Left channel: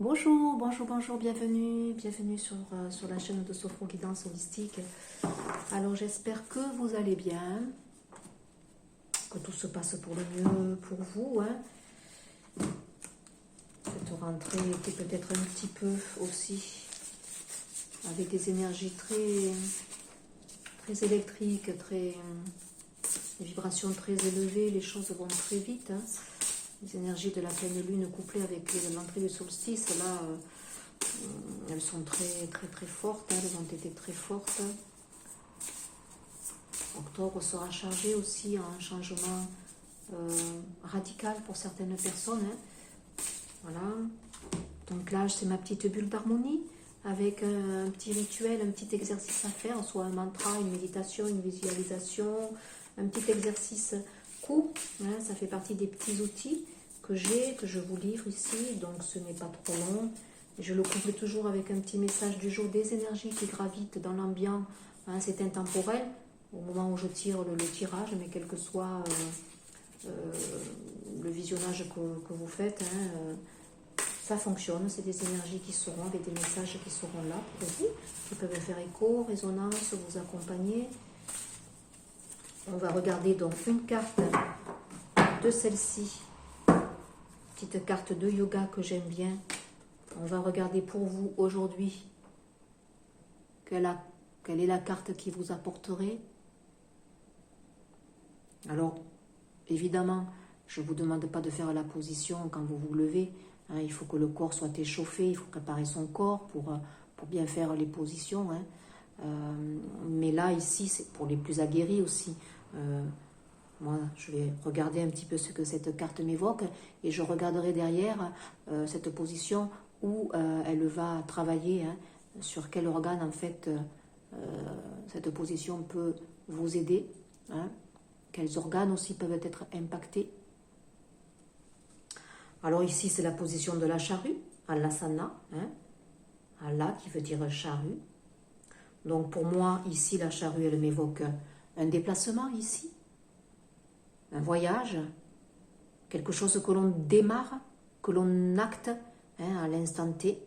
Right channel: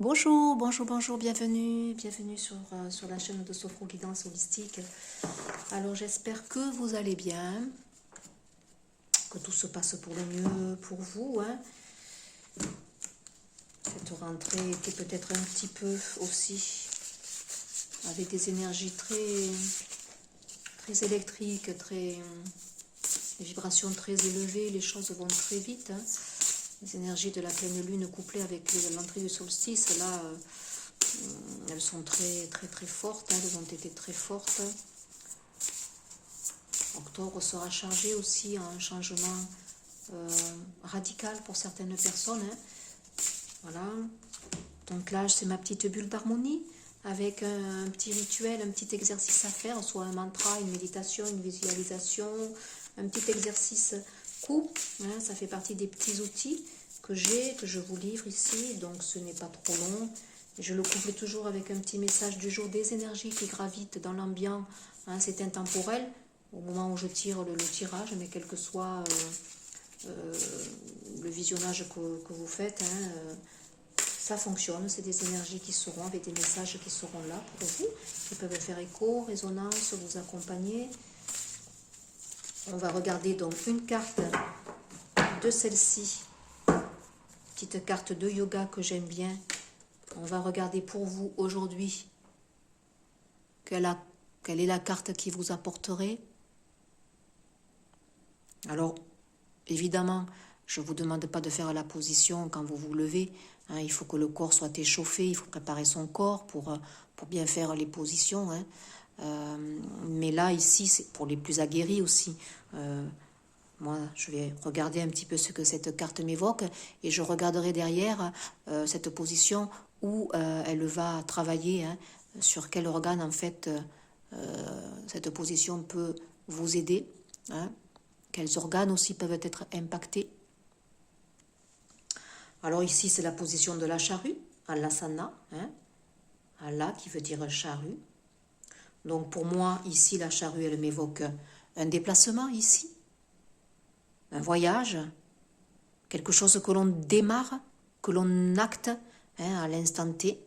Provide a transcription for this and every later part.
Bonjour, bonjour, bonjour, bienvenue sur la chaîne de Sophro Guidance Holistique. Alors j'espère que vous allez bien, que tout se passe pour le mieux pour vous. Cette rentrée était peut-être un petit peu aussi avec des énergies très électriques, des vibrations très élevées, les choses vont très vite. Les énergies de la pleine lune couplées avec l'entrée du solstice, là, elles sont très fortes, elles ont été très fortes. Octobre sera chargé aussi à un changement radical pour certaines personnes. Voilà. Donc là, c'est ma petite bulle d'harmonie avec un petit rituel, un petit exercice à faire, soit un mantra, une méditation, une visualisation, un petit exercice court. Ça fait partie des petits outils que je vous livre ici, donc ce n'est pas trop long. Je le couple toujours avec un petit message du jour, des énergies qui gravitent dans l'ambiance. C'est intemporel au moment où je tire le tirage, mais quel que soit le visionnage que vous faites, ça fonctionne. C'est des énergies qui seront, avec des messages qui seront là pour vous, qui peuvent faire écho, résonance, vous accompagner. On va regarder donc une carte de celle-ci, petite carte de yoga que j'aime bien. On va regarder pour vous aujourd'hui quelle est la carte qui vous apporterait. Alors, évidemment, je ne vous demande pas de faire la position quand vous vous levez. Il faut que le corps soit échauffé, il faut préparer son corps pour bien faire les positions. Mais là, ici, c'est pour les plus aguerris aussi. Moi, je vais regarder un petit peu ce que cette carte m'évoque et je regarderai derrière cette position où elle va travailler, sur quel organe, en fait, cette position peut vous aider. Quels organes aussi peuvent être impactés. Alors ici, c'est la position de la charrue, Alasana, Ala qui veut dire charrue. Donc pour moi, ici, la charrue, elle m'évoque un déplacement ici, un voyage, quelque chose que l'on démarre, que l'on acte à l'instant T.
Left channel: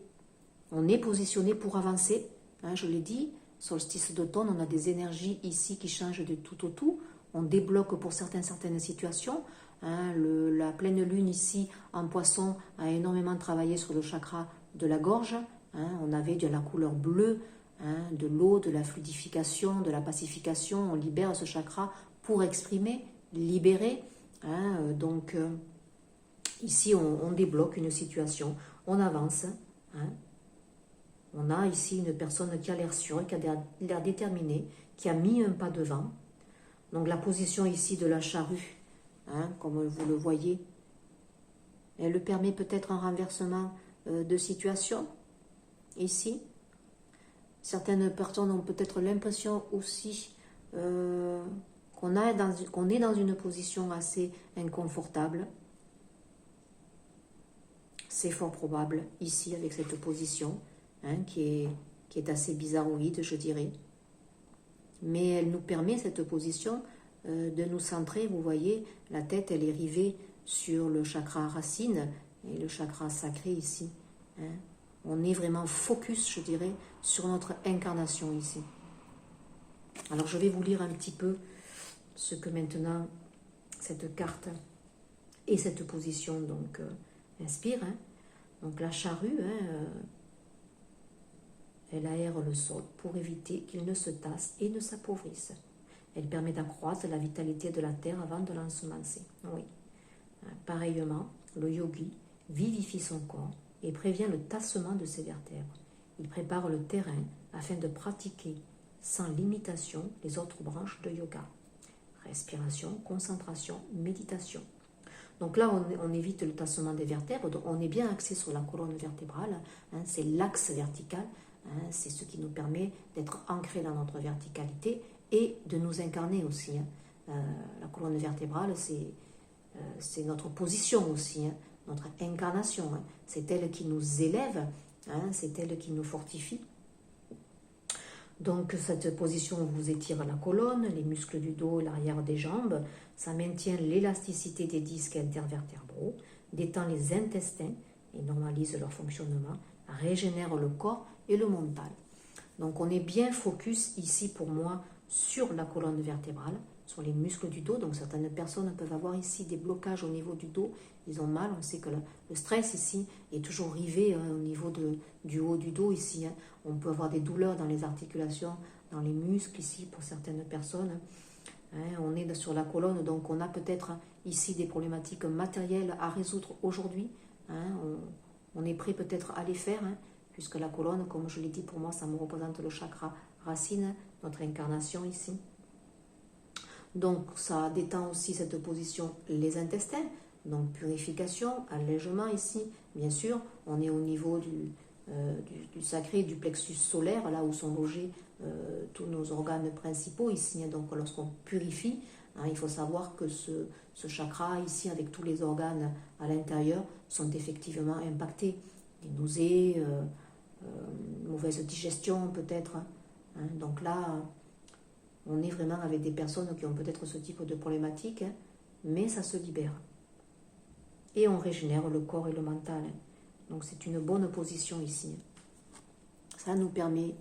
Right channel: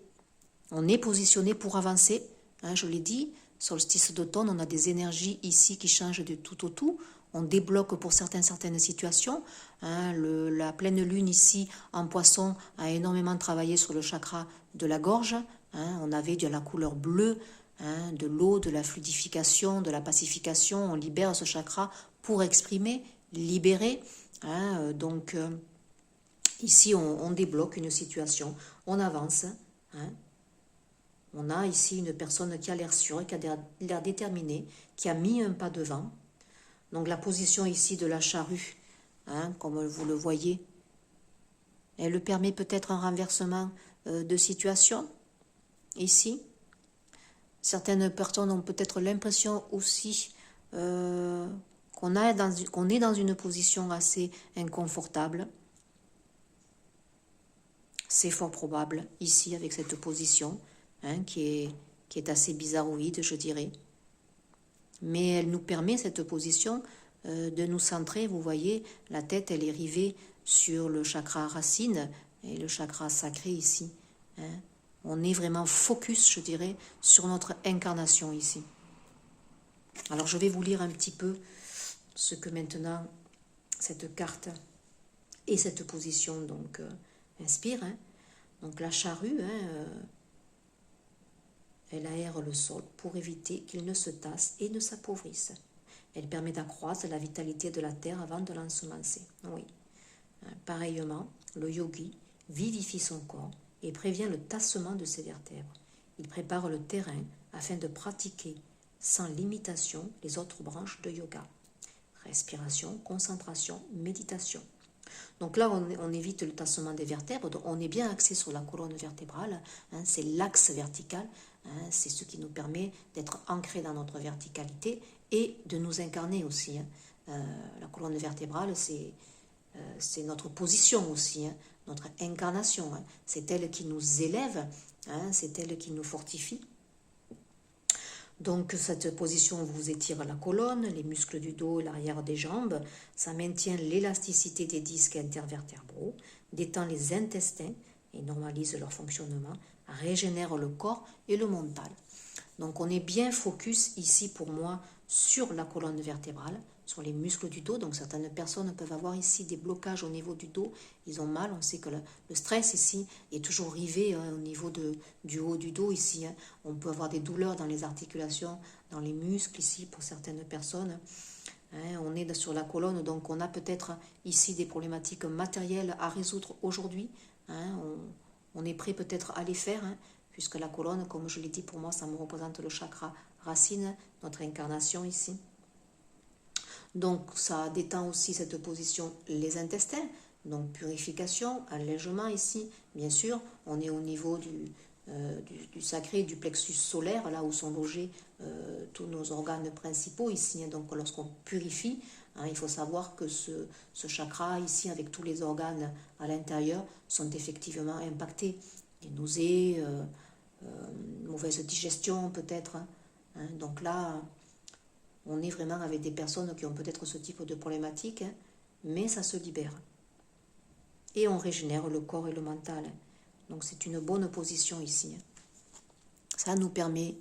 On est positionné pour avancer, je l'ai dit, solstice d'automne, on a des énergies ici qui changent de tout au tout. On débloque pour certaines situations. La pleine lune ici en poisson a énormément travaillé sur le chakra de la gorge. On avait de la couleur bleue, de l'eau, de la fluidification, de la pacification. On libère ce chakra pour exprimer, libérer. Donc ici on débloque une situation, on avance. On a ici une personne qui a l'air sûre, qui a l'air déterminée, qui a mis un pas devant. Donc la position ici de la charrue, comme vous le voyez, elle permet peut-être un renversement de situation, ici. Certaines personnes ont peut-être l'impression aussi qu'on est dans une position assez inconfortable. C'est fort probable, ici, avec cette position, qui est assez bizarroïde, je dirais. Mais elle nous permet, cette position, de nous centrer. Vous voyez, la tête, elle est rivée sur le chakra racine et le chakra sacré ici. On est vraiment focus, je dirais, sur notre incarnation ici. Alors, je vais vous lire un petit peu ce que maintenant cette carte et cette position donc inspire. Donc, la charrue, elle aère le sol pour éviter qu'il ne se tasse et ne s'appauvrisse. Elle permet d'accroître la vitalité de la terre avant de l'ensemencer. Oui. Pareillement, le yogi vivifie son corps et prévient le tassement de ses vertèbres. Il prépare le terrain afin de pratiquer sans limitation les autres branches de yoga. Respiration, concentration, méditation. Donc là, on évite le tassement des vertèbres, donc on est bien axé sur la colonne vertébrale, c'est l'axe vertical, c'est ce qui nous permet d'être ancré dans notre verticalité et de nous incarner aussi. La colonne vertébrale, c'est notre position aussi, notre incarnation. C'est elle qui nous élève, c'est elle qui nous fortifie. Donc cette position vous étire la colonne, les muscles du dos, l'arrière des jambes, ça maintient l'élasticité des disques intervertébraux, détend les intestins et normalise leur fonctionnement, régénère le corps et le mental. Donc on est bien focus ici pour moi sur la colonne vertébrale, sur les muscles du dos. Donc certaines personnes peuvent avoir ici des blocages au niveau du dos, ils ont mal. On sait que le stress ici est toujours rivé au niveau du haut du dos ici. On peut avoir des douleurs dans les articulations, dans les muscles ici pour certaines personnes. On est sur la colonne, donc on a peut-être ici des problématiques matérielles à résoudre aujourd'hui. On est prêt peut-être à les faire, puisque la colonne, comme je l'ai dit, pour moi, ça me représente le chakra racine, notre incarnation ici. Donc ça détend aussi cette position les intestins, donc purification, allègement ici. Bien sûr, on est au niveau du sacré, du plexus solaire, là où sont logés tous nos organes principaux ici. Donc lorsqu'on purifie, il faut savoir que ce chakra ici, avec tous les organes à l'intérieur, sont effectivement impactés. Les nausées, mauvaise digestion peut-être. Donc là, on est vraiment avec des personnes qui ont peut-être ce type de problématique, mais ça se libère. Et on régénère le corps et le mental. Donc c'est une bonne position ici. Ça nous permet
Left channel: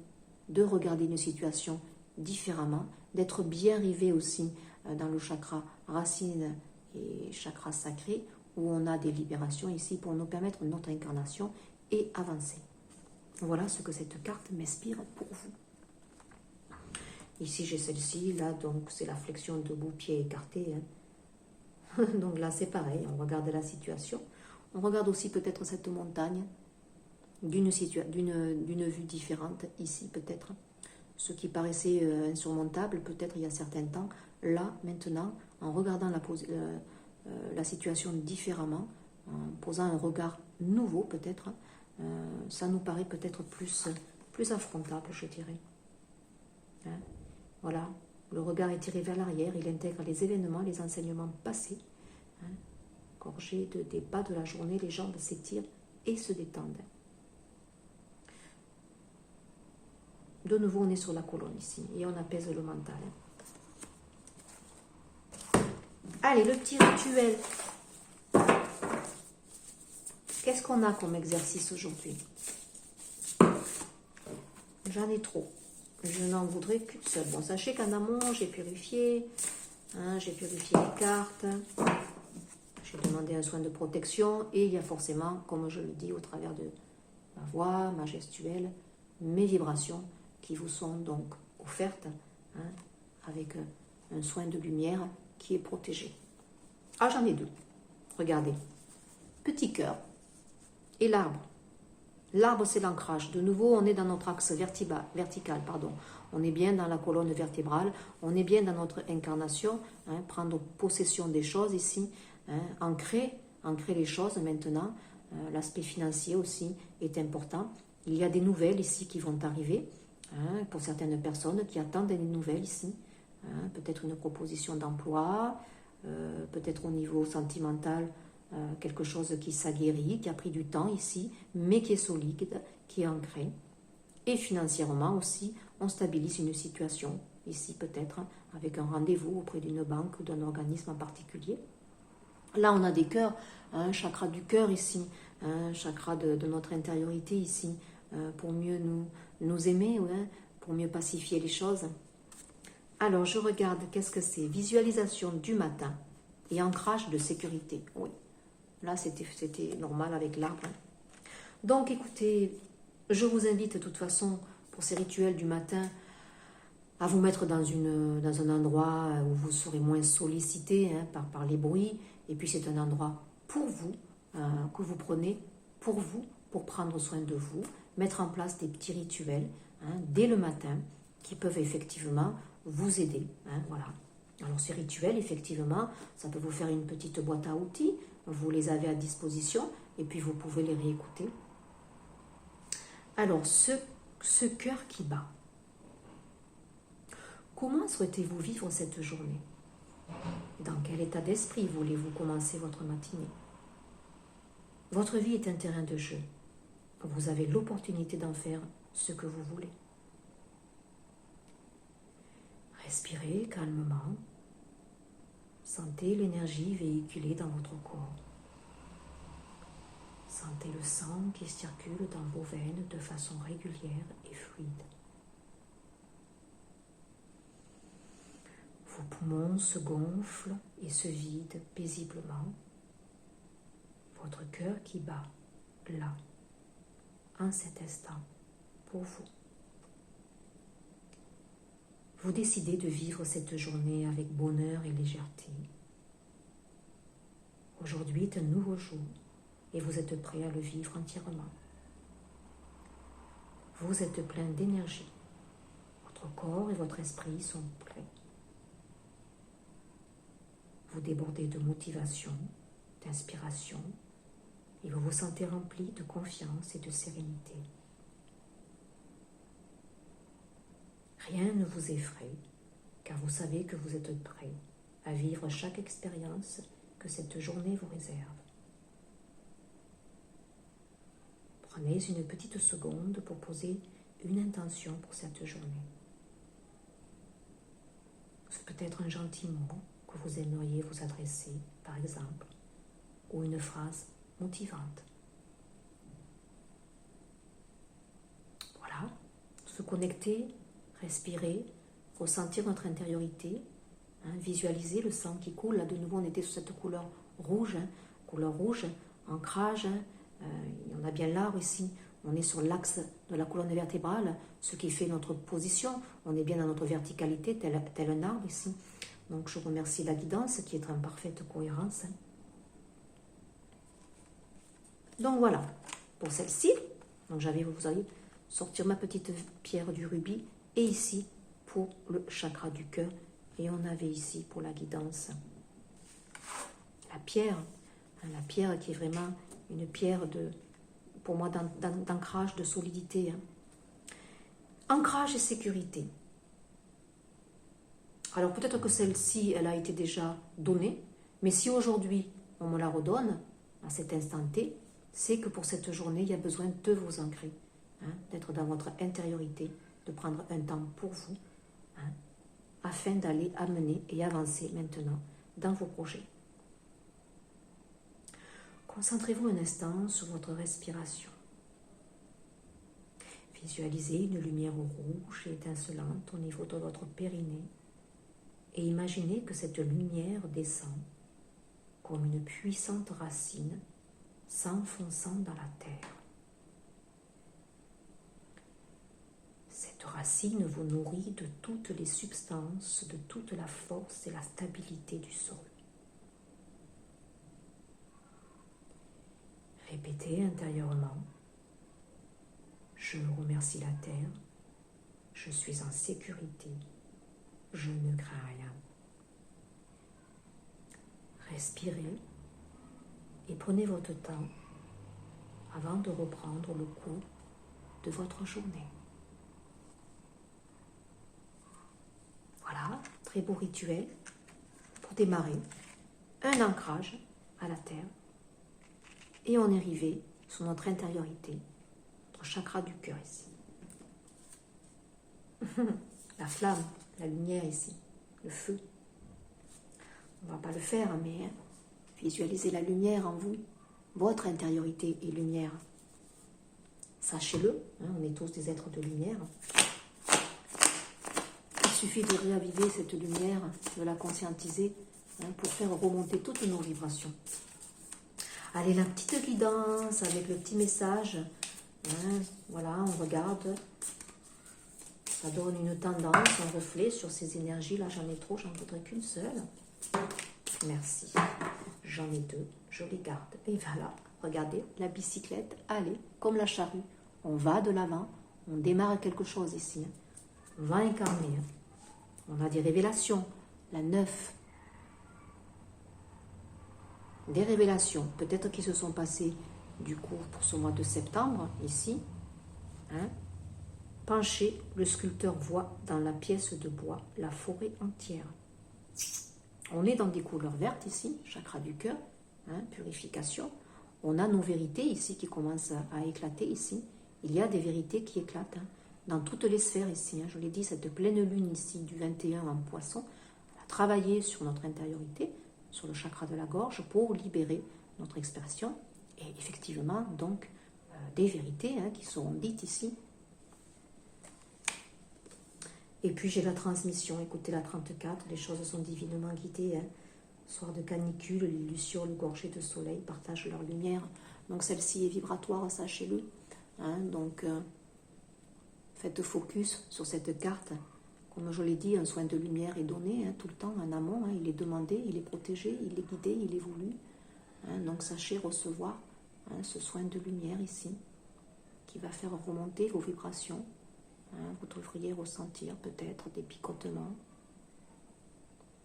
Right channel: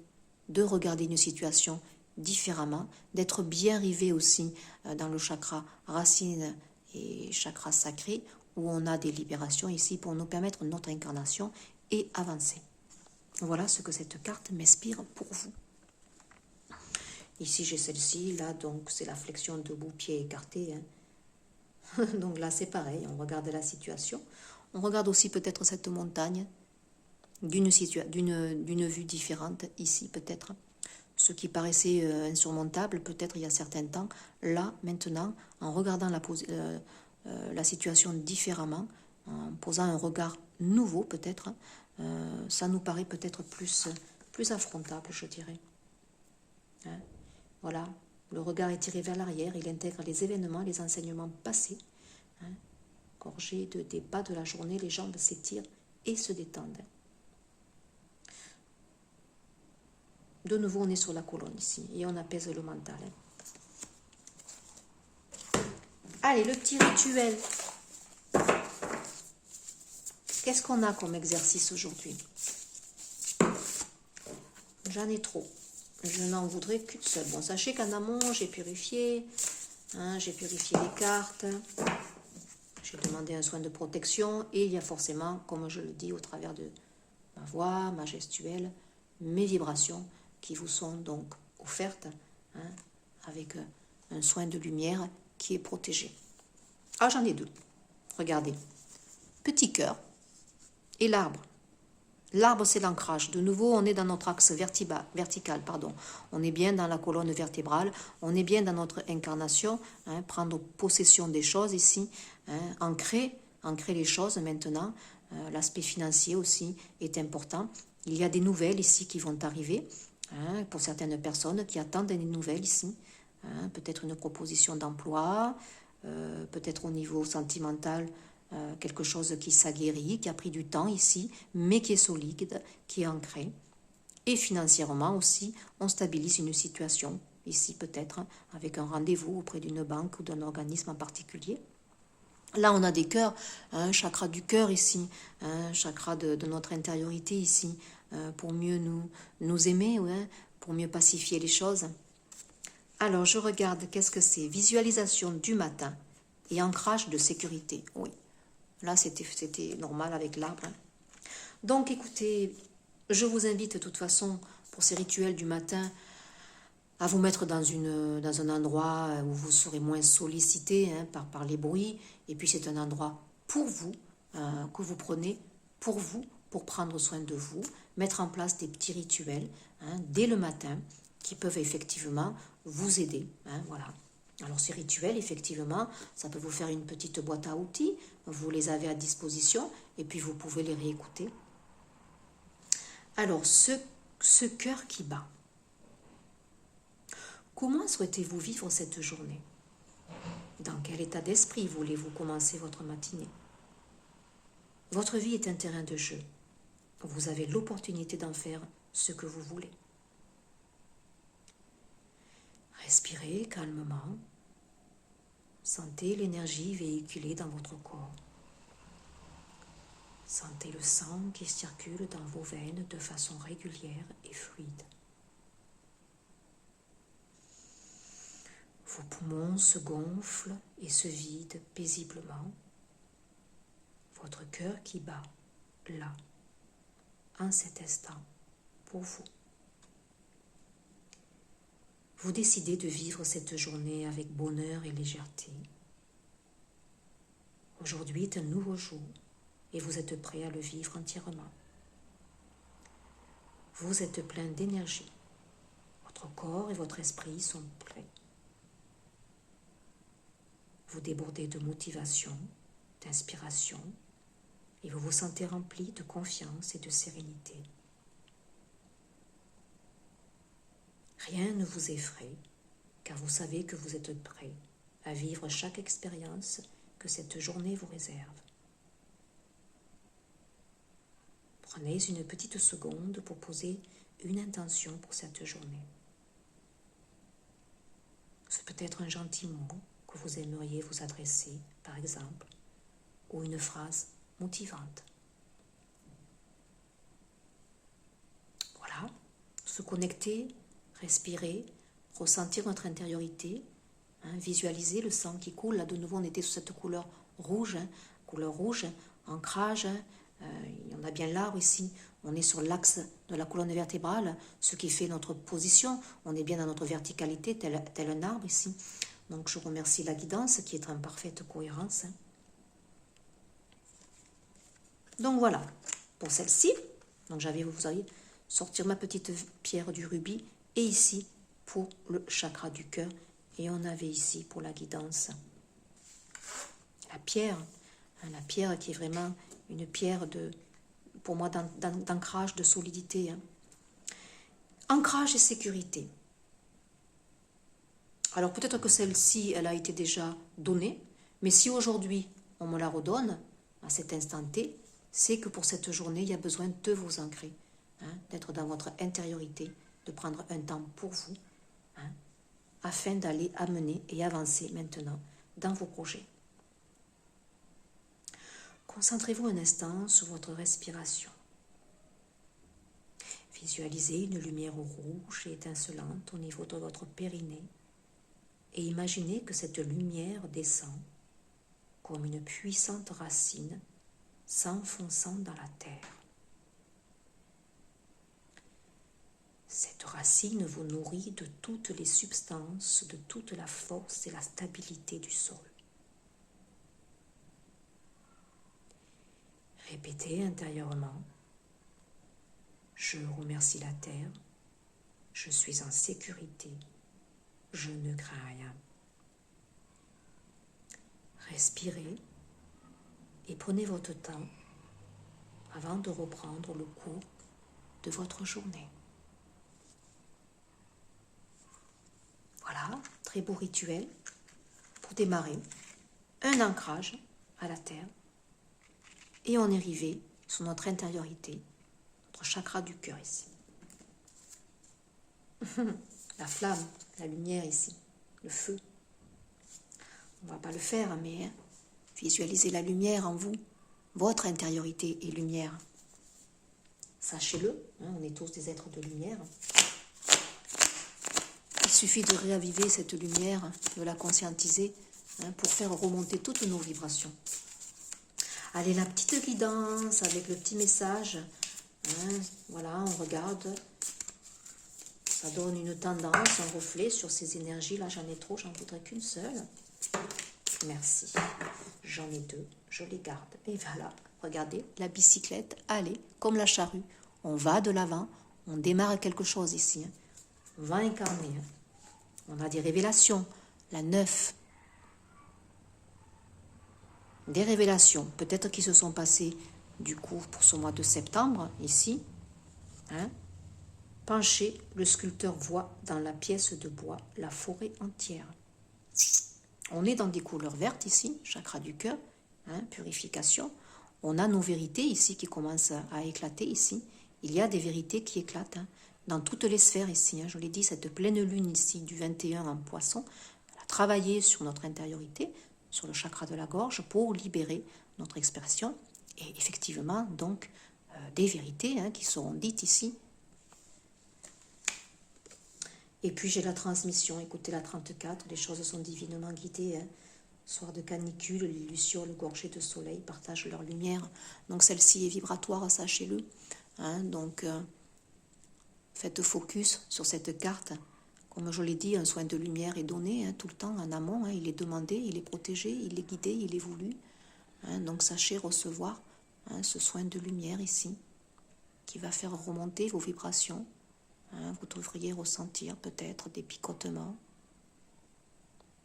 de regarder une situation différemment, d'être bien rivé aussi dans le chakra racine et chakra sacré, où on a des libérations ici pour nous permettre notre incarnation et avancer. Voilà ce que cette carte m'inspire pour vous. Ici j'ai celle-ci, là donc c'est la flexion debout, pied écarté. Donc là c'est pareil, on regarde la situation. On regarde aussi peut-être cette montagne d'une vue différente ici peut-être. Ce qui paraissait insurmontable peut-être il y a certains temps, là maintenant en regardant la situation différemment, en posant un regard nouveau peut-être, ça nous paraît peut-être plus affrontable, je dirais. Voilà, le regard est tiré vers l'arrière, il intègre les événements, les enseignements passés. Gorgé de débat de la journée, les jambes s'étirent et se détendent. De nouveau, on est sur la colonne ici et on apaise le mental. Allez, le petit rituel. Qu'est-ce qu'on a comme exercice aujourd'hui? J'en ai trop. Je n'en voudrais qu'une seule. Bon, sachez qu'en amont, j'ai purifié. J'ai purifié les cartes. J'ai demandé un soin de protection. Et il y a forcément, comme je le dis au travers de ma voix, ma gestuelle, mes vibrations qui vous sont donc offertes avec un soin de lumière qui est protégé. Ah, j'en ai deux. Regardez. Petit cœur et l'arbre. L'arbre, c'est l'ancrage. De nouveau, on est dans notre axe vertical. On est bien dans la colonne vertébrale. On est bien dans notre incarnation. Prendre possession des choses ici. Ancrer les choses maintenant. L'aspect financier aussi est important. Il y a des nouvelles ici qui vont arriver. Pour certaines personnes qui attendent des nouvelles ici. Peut-être une proposition d'emploi. Peut-être au niveau sentimental. Quelque chose qui s'aguerrit, qui a pris du temps ici, mais qui est solide, qui est ancré. Et financièrement aussi, on stabilise une situation, ici peut-être, avec un rendez-vous auprès d'une banque ou d'un organisme en particulier. Là, on a des cœurs, un chakra du cœur ici, un chakra de notre intériorité ici, pour mieux nous aimer, pour mieux pacifier les choses. Alors, je regarde, qu'est-ce que c'est? Visualisation du matin et ancrage de sécurité, oui. Là, c'était normal avec l'arbre. Donc, écoutez, je vous invite de toute façon, pour ces rituels du matin, à vous mettre dans un endroit où vous serez moins sollicité par les bruits. Et puis, c'est un endroit pour vous, que vous prenez pour vous, pour prendre soin de vous, mettre en place des petits rituels dès le matin qui peuvent effectivement vous aider. Voilà. Alors ces rituels, effectivement, ça peut vous faire une petite boîte à outils, vous les avez à disposition et puis vous pouvez les réécouter. Alors, ce cœur qui bat, comment souhaitez-vous vivre cette journée? Dans quel état d'esprit voulez-vous commencer votre matinée? Votre vie est un terrain de jeu. Vous avez l'opportunité d'en faire ce que vous voulez. Respirez calmement. Sentez l'énergie véhiculée dans votre corps. Sentez le sang qui circule dans vos veines de façon régulière et fluide. Vos poumons se gonflent et se vident paisiblement. Votre cœur qui bat, là, en cet instant, pour vous. Vous décidez de vivre cette journée avec bonheur et légèreté. Aujourd'hui est un nouveau jour et vous êtes prêt à le vivre entièrement. Vous êtes plein d'énergie. Votre corps et votre esprit sont prêts. Vous débordez de motivation, d'inspiration et vous vous sentez rempli de confiance et de sérénité. Rien ne vous effraie, car vous savez que vous êtes prêt à vivre chaque expérience que cette journée vous réserve. Prenez une petite seconde pour poser une intention pour cette journée. C'est peut-être un gentil mot que vous aimeriez vous adresser, par exemple, ou une phrase motivante. Voilà, se connecter, respirer, ressentir notre intériorité, visualiser le sang qui coule. Là, de nouveau, on était sur cette couleur rouge, ancrage. Il y en a bien l'arbre ici. On est sur l'axe de la colonne vertébrale, ce qui fait notre position. On est bien dans notre verticalité, tel un arbre ici. Donc, je remercie la guidance qui est en parfaite cohérence. Donc, voilà, pour celle-ci. Donc, vous allez sortir ma petite pierre du rubis. Et ici, pour le chakra du cœur. Et on avait ici, pour la guidance, la pierre qui est vraiment une pierre, pour moi, d'ancrage, de solidité. Ancrage et sécurité. Alors, peut-être que celle-ci, elle a été déjà donnée. Mais si aujourd'hui, on me la redonne, à cet instant T, c'est que pour cette journée, il y a besoin de vous ancrer. D'être dans votre intériorité, de prendre un temps pour vous, afin d'aller amener et avancer maintenant dans vos projets. Concentrez-vous un instant sur votre respiration. Visualisez une lumière rouge et étincelante au niveau de votre périnée et imaginez que cette lumière descend comme une puissante racine s'enfonçant dans la terre. Cette racine vous nourrit de toutes les substances, de toute la force et la stabilité du sol. Répétez intérieurement. Je remercie la terre. Je suis en sécurité. Je ne crains rien. Respirez et prenez votre temps avant de reprendre le cours de votre journée. Voilà, très beau rituel pour démarrer. Un ancrage à la terre. Et on est arrivé sur notre intériorité, notre chakra du cœur ici. La flamme, la lumière ici, le feu. On ne va pas le faire, mais visualisez la lumière en vous, votre intériorité et lumière. Sachez-le, on est tous des êtres de lumière. Il suffit de réaviver cette lumière, de la conscientiser, pour faire remonter toutes nos vibrations. Allez, la petite guidance avec le petit message. Voilà, on regarde. Ça donne une tendance, un reflet sur ces énergies. Là, j'en ai trop, j'en voudrais qu'une seule. Merci. J'en ai deux, je les garde. Et voilà, regardez, la bicyclette, allez, comme la charrue. On va de l'avant, on démarre quelque chose ici. On va incarner. On a des révélations. La 9. Des révélations, peut-être qui se sont passées du coup pour ce mois de septembre, ici. Penché, le sculpteur voit dans la pièce de bois la forêt entière. On est dans des couleurs vertes ici, chakra du cœur, purification. On a nos vérités ici qui commencent à éclater ici. Il y a des vérités qui éclatent dans toutes les sphères ici. Je l'ai dit, cette pleine lune ici du 21 en poisson, elle a travaillé sur notre intériorité, sur le chakra de la gorge pour libérer notre expression Et effectivement, donc, des vérités qui seront dites ici. Et puis j'ai la transmission, écoutez la 34, les choses sont divinement guidées. Soir de canicule, les lucioles gorgées de soleil partagent leur lumière. Donc celle-ci est vibratoire, sachez-le. Donc faites focus sur cette carte. Comme je l'ai dit, un soin de lumière est donné tout le temps en amont. Il est demandé, il est protégé, il est guidé, il est voulu. Donc sachez recevoir ce soin de lumière ici, qui va faire remonter vos vibrations. Vous devriez ressentir peut-être des picotements.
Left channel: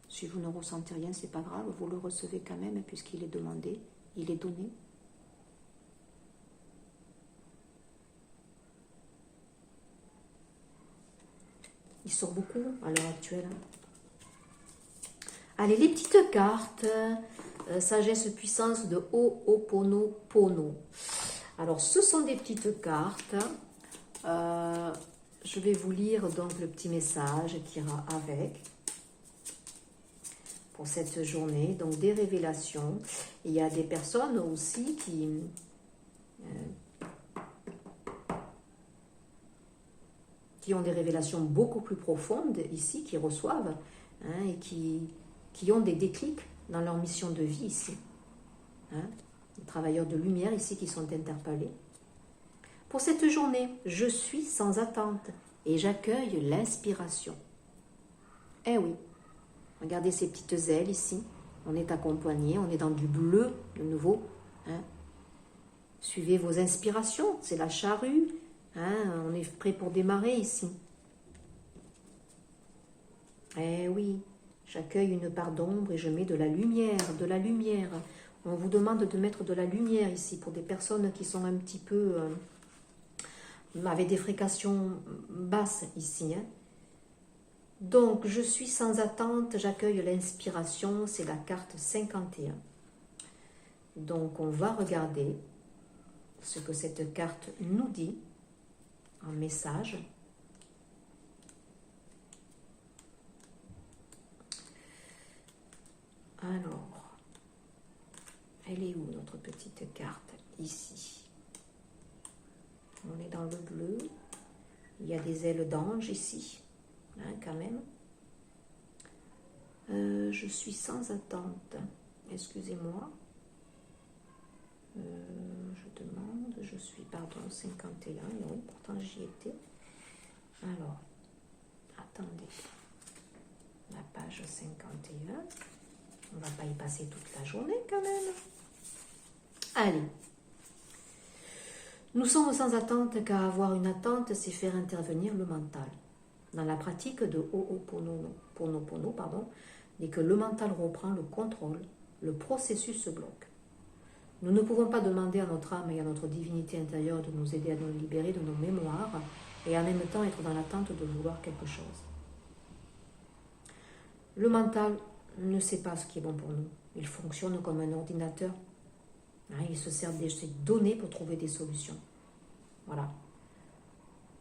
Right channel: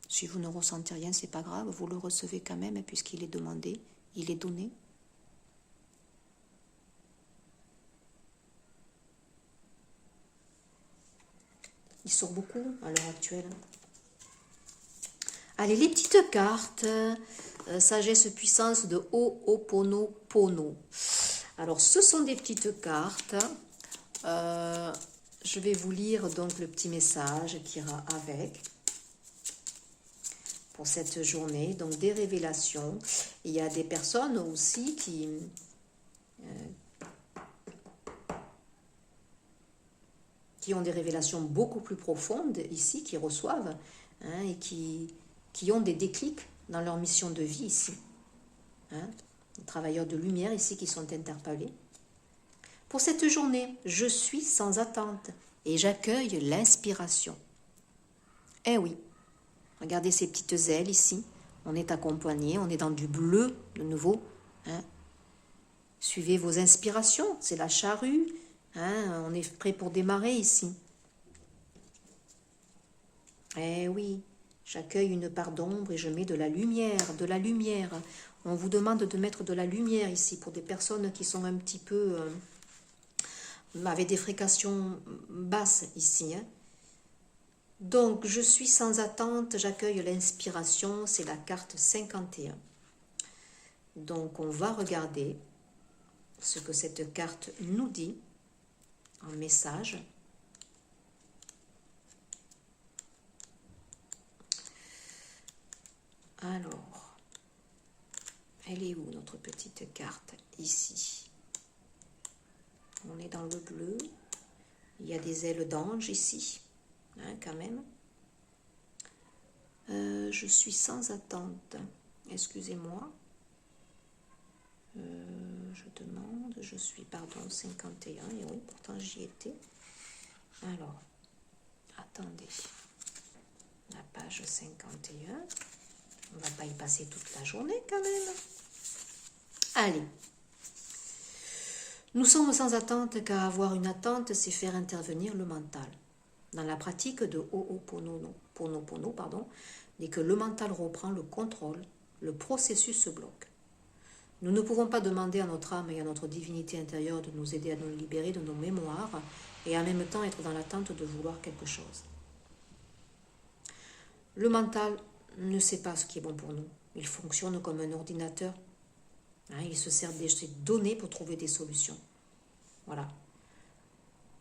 Si vous ne ressentez rien, c'est pas grave, vous le recevez quand même puisqu'il est demandé, il est donné. Il sort beaucoup à l'heure actuelle. Allez, les petites cartes, sagesse puissance de Ho'oponopono. Alors, ce sont des petites cartes. Je vais vous lire donc le petit message qui ira avec pour cette journée. Donc des révélations. Il y a des personnes aussi qui ont des révélations beaucoup plus profondes ici, qui reçoivent et qui ont des déclics dans leur mission de vie ici. Les travailleurs de lumière ici qui sont interpellés. Pour cette journée, je suis sans attente et j'accueille l'inspiration. Eh oui, regardez ces petites ailes ici. On est accompagné, on est dans du bleu de nouveau. Suivez vos inspirations, c'est la charrue. On est prêt pour démarrer ici. Eh oui, j'accueille une part d'ombre et je mets de la lumière, de la lumière. On vous demande de mettre de la lumière ici pour des personnes qui sont un petit peu... avec des fréquences basses ici. Donc, je suis sans attente, j'accueille l'inspiration, c'est la carte 51. Donc, on va regarder ce que cette carte nous dit en message. Alors, elle est où notre petite carte? Ici. On est dans le bleu. Il y a des ailes d'ange ici, quand même. Je suis sans attente. Excusez-moi. Je demande, je suis, pardon, 51. Et oui, pourtant j'y étais. Alors, attendez. La page 51. On ne va pas y passer toute la journée quand même. Allez. Nous sommes sans attente car avoir une attente, c'est faire intervenir le mental. Dans la pratique de Ho'oponopono, dès que le mental reprend le contrôle, le processus se bloque. Nous ne pouvons pas demander à notre âme et à notre divinité intérieure de nous aider à nous libérer de nos mémoires et en même temps être dans l'attente de vouloir quelque chose. Le mental ne sait pas ce qui est bon pour nous. Il fonctionne comme un ordinateur. Il se sert de ces données pour trouver des solutions. Voilà.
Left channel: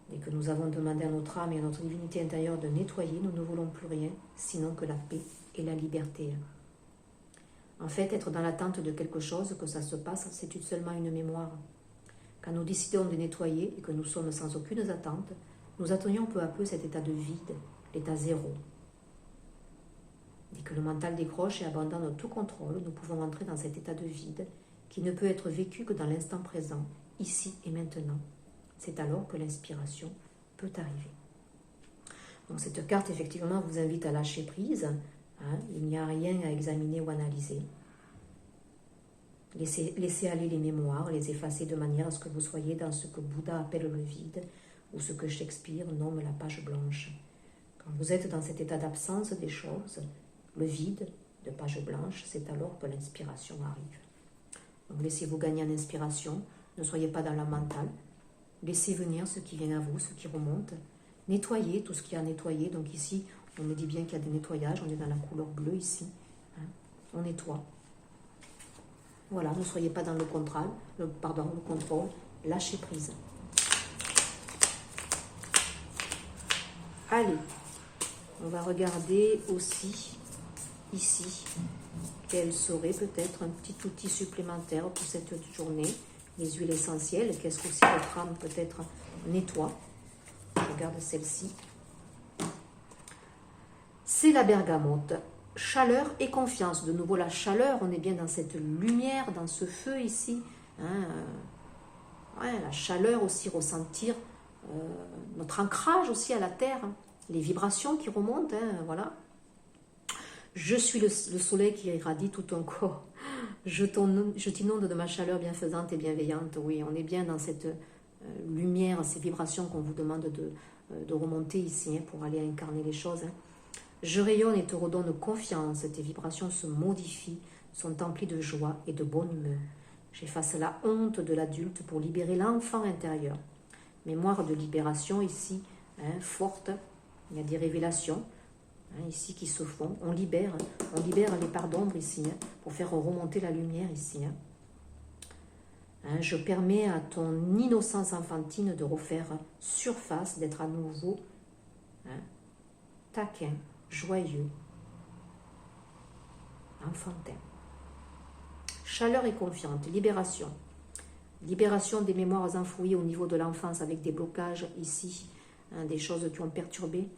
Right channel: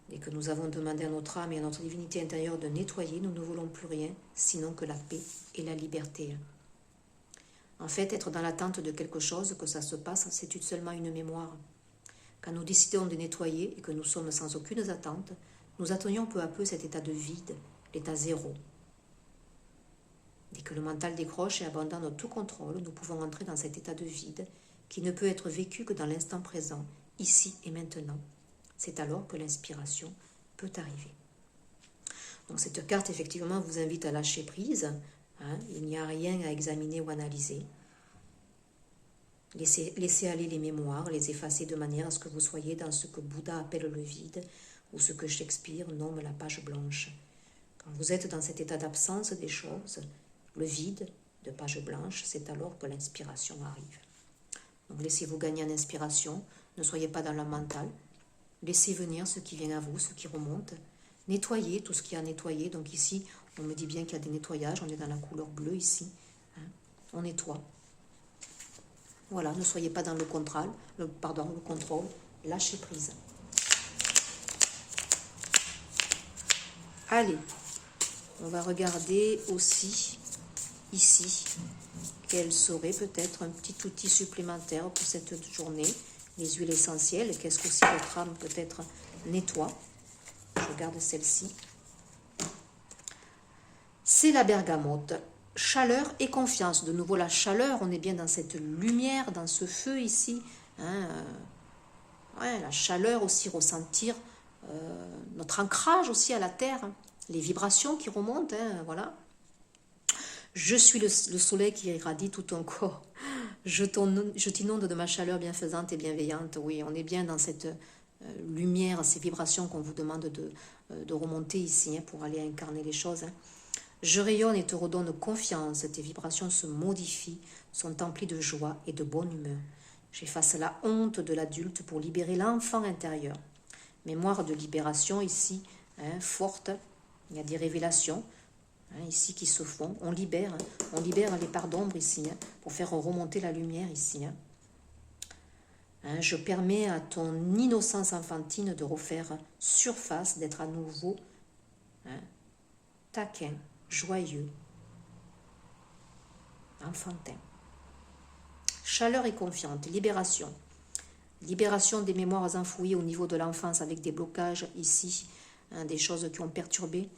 Dès que nous avons demandé à notre âme et à notre divinité intérieure de nettoyer, nous ne voulons plus rien, sinon que la paix et la liberté. En fait, être dans l'attente de quelque chose, que ça se passe, c'est seulement une mémoire. Quand nous décidons de nettoyer et que nous sommes sans aucune attente, nous atteignons peu à peu cet état de vide, l'état zéro. Dès que le mental décroche et abandonne tout contrôle, nous pouvons entrer dans cet état de vide qui ne peut être vécu que dans l'instant présent, ici et maintenant. C'est alors que l'inspiration peut arriver. Donc cette carte, effectivement, vous invite à lâcher prise. Il n'y a rien à examiner ou analyser. Laissez aller les mémoires, les effacer de manière à ce que vous soyez dans ce que Bouddha appelle le vide, ou ce que Shakespeare nomme la page blanche. Quand vous êtes dans cet état d'absence des choses, le vide de page blanche, c'est alors que l'inspiration arrive. Donc laissez-vous gagner en inspiration, ne soyez pas dans le mental, laissez venir ce qui vient à vous, ce qui remonte, nettoyez tout ce qui est à nettoyer. Donc ici, on me dit bien qu'il y a des nettoyages, on est dans la couleur bleue ici, on nettoie. Voilà, ne soyez pas dans le contrôle, lâchez prise. Allez, on va regarder aussi ici, quel serait peut-être un petit outil supplémentaire pour cette journée. Les huiles essentielles, qu'est-ce qu'aussi votre âme peut-être nettoie. Je regarde celle-ci. C'est la bergamote. Chaleur et confiance. De nouveau la chaleur, on est bien dans cette lumière, dans ce feu ici. Hein, ouais, la chaleur aussi, ressentir notre ancrage aussi à la terre. Hein, les vibrations qui remontent, hein, voilà. Je suis le soleil qui irradie tout ton corps. Je t'inonde de ma chaleur bienfaisante et bienveillante. Oui, on est bien dans cette lumière, ces vibrations qu'on vous demande de remonter ici hein, pour aller incarner les choses. Hein. Je rayonne et te redonne confiance. Tes vibrations se modifient, sont emplies de joie et de bonne humeur. J'efface la honte de l'adulte pour libérer l'enfant intérieur. Mémoire de libération ici, hein, forte. Il y a des révélations. Ici qui se font, on libère les parts d'ombre ici, hein, pour faire remonter la lumière ici. Hein, je permets à ton innocence enfantine de refaire surface, d'être à nouveau taquin, joyeux, enfantin. Chaleur et confiante, libération. Libération des mémoires enfouies au niveau de l'enfance avec des blocages ici, hein, des choses qui ont perturbé,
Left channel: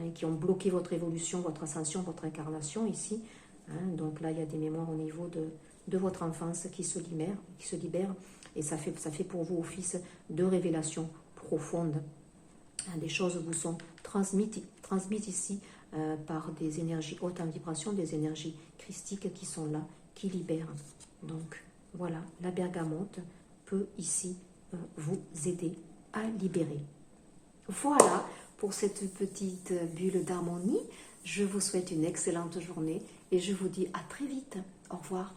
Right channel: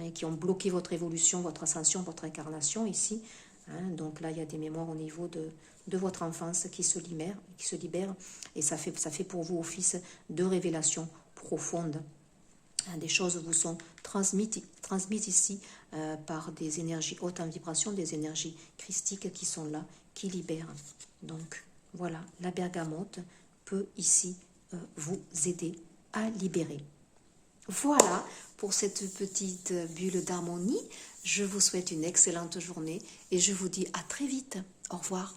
et qui ont bloqué votre évolution, votre ascension, votre incarnation ici. Hein, donc là, il y a des mémoires au niveau de votre enfance qui se libèrent, et ça fait pour vous office de révélation profonde. Hein, des choses vous sont transmises ici par des énergies hautes en vibration, des énergies christiques qui sont là, qui libèrent. Donc voilà, la bergamote peut ici vous aider à libérer. Voilà pour cette petite bulle d'harmonie. Je vous souhaite une excellente journée et je vous dis à très vite. Au revoir.